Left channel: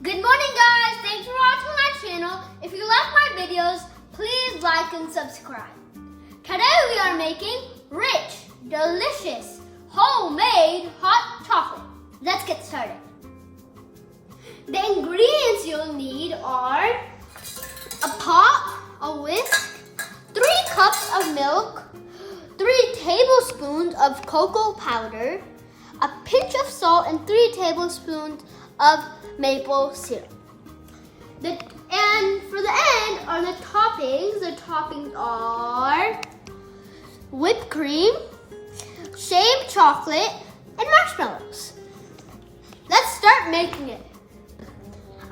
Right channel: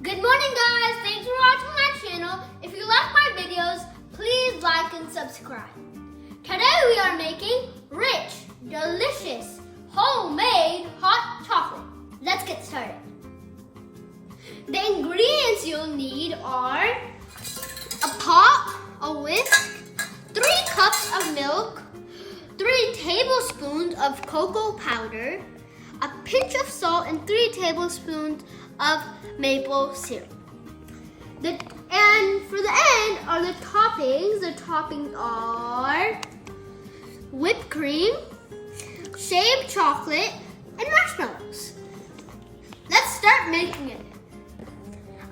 Good morning, guys. Thanks for watching my channel. If you like my videos, please like and subscribe. Today we are making rich, delicious, homemade hot chocolate. Let's get started. The ingredients you'll need are a pot, a whisk, 3 cups of milk, 3 tablespoons of cocoa powder, a pinch of salt, and 3 tablespoons of maple syrup. And for the end are the toppings. The toppings are whipped cream, shaved chocolate, and marshmallows. Let's start making it.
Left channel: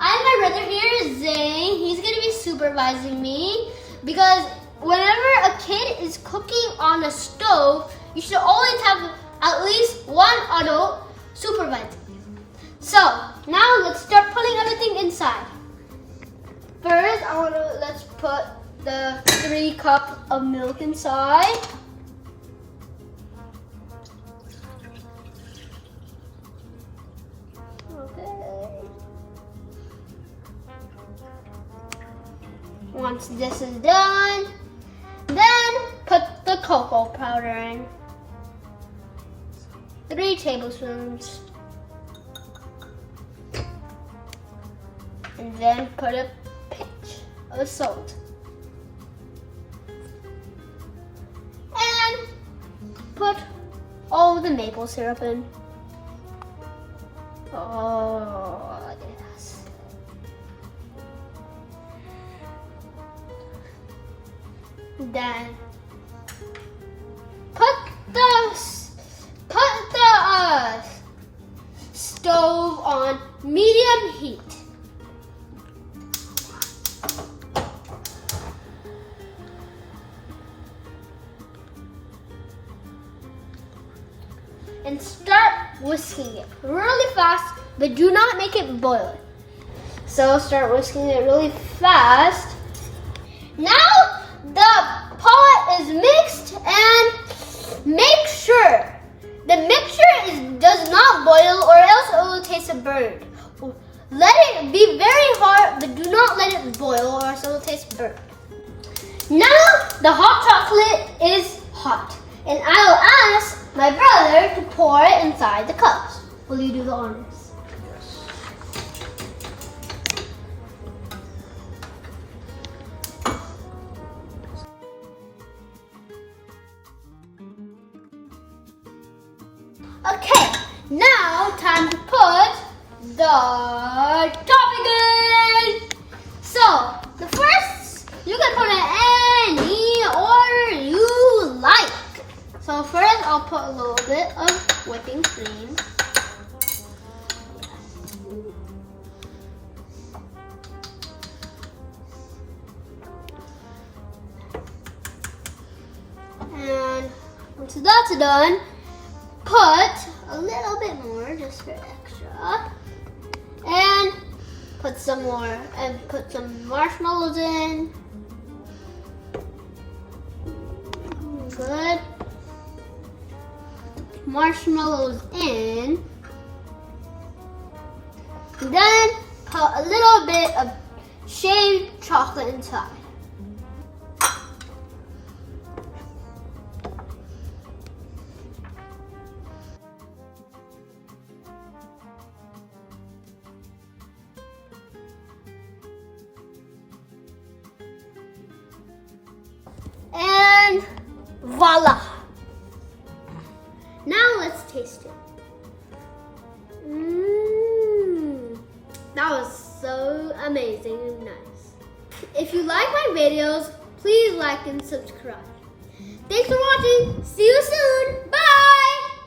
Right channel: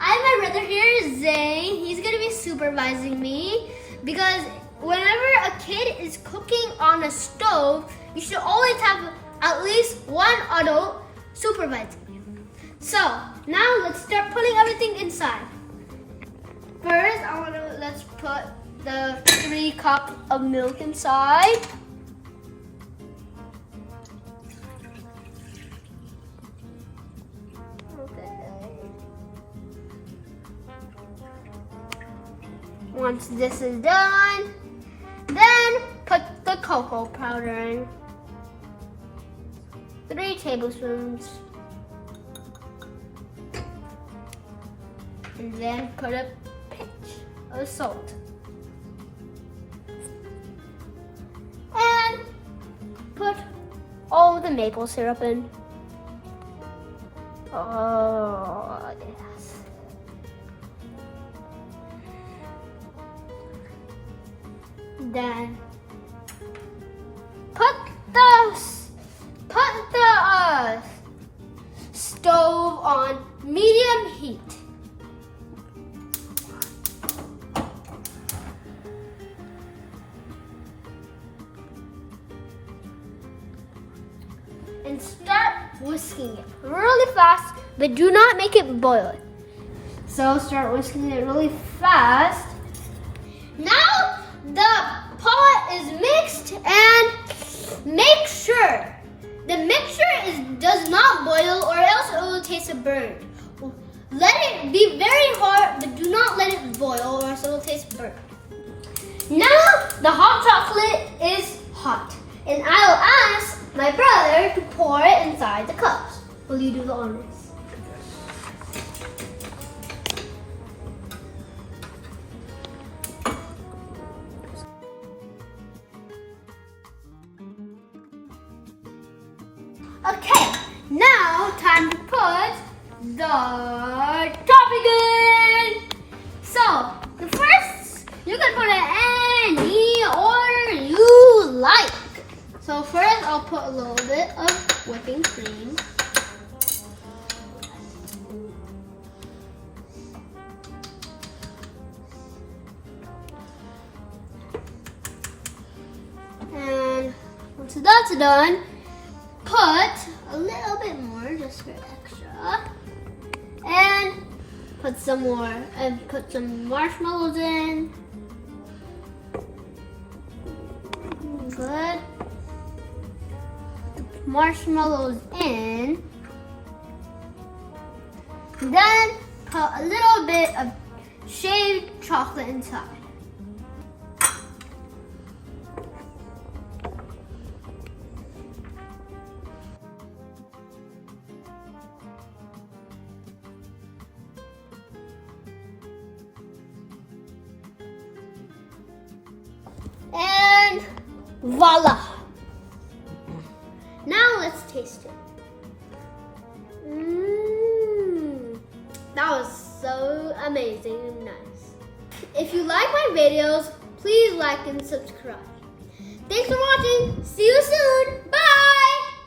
I have my brother here, Zane. He's gonna be supervising me because whenever a kid is cooking on a stove, you should always have at least one adult supervising you. So now let's start putting everything inside. First, let's put the 3 cups of milk inside. Once this is done, then put the cocoa powder in. 3 tablespoons. And then put a pinch of salt. And put all the maple syrup in. Oh, yes. Then put the stove on medium heat. And start whisking it really fast, but do not make it boil. So start whisking it really fast. Now the pot is mixed, and make sure the mixture does not boil, or else it will taste burnt. Let it be very hot, but do not let it boil, or else it will taste burnt. Now the hot chocolate is hot, and I'll ask my brother to pour it inside the cups. Will you do the honors? Okay, now time to put the topping in. So, the first, you can put it any order you like. So first, I'll put a little bit of whipping cream. And once that's done, put a little bit more just for extra. And put some more, and put some marshmallows in. Good. Marshmallows in. Then put a little bit of shaved chocolate inside. And voila! Now let's taste it. That was so amazing and nice. If you like my videos, please like and subscribe. Thanks for watching. See you soon. Bye!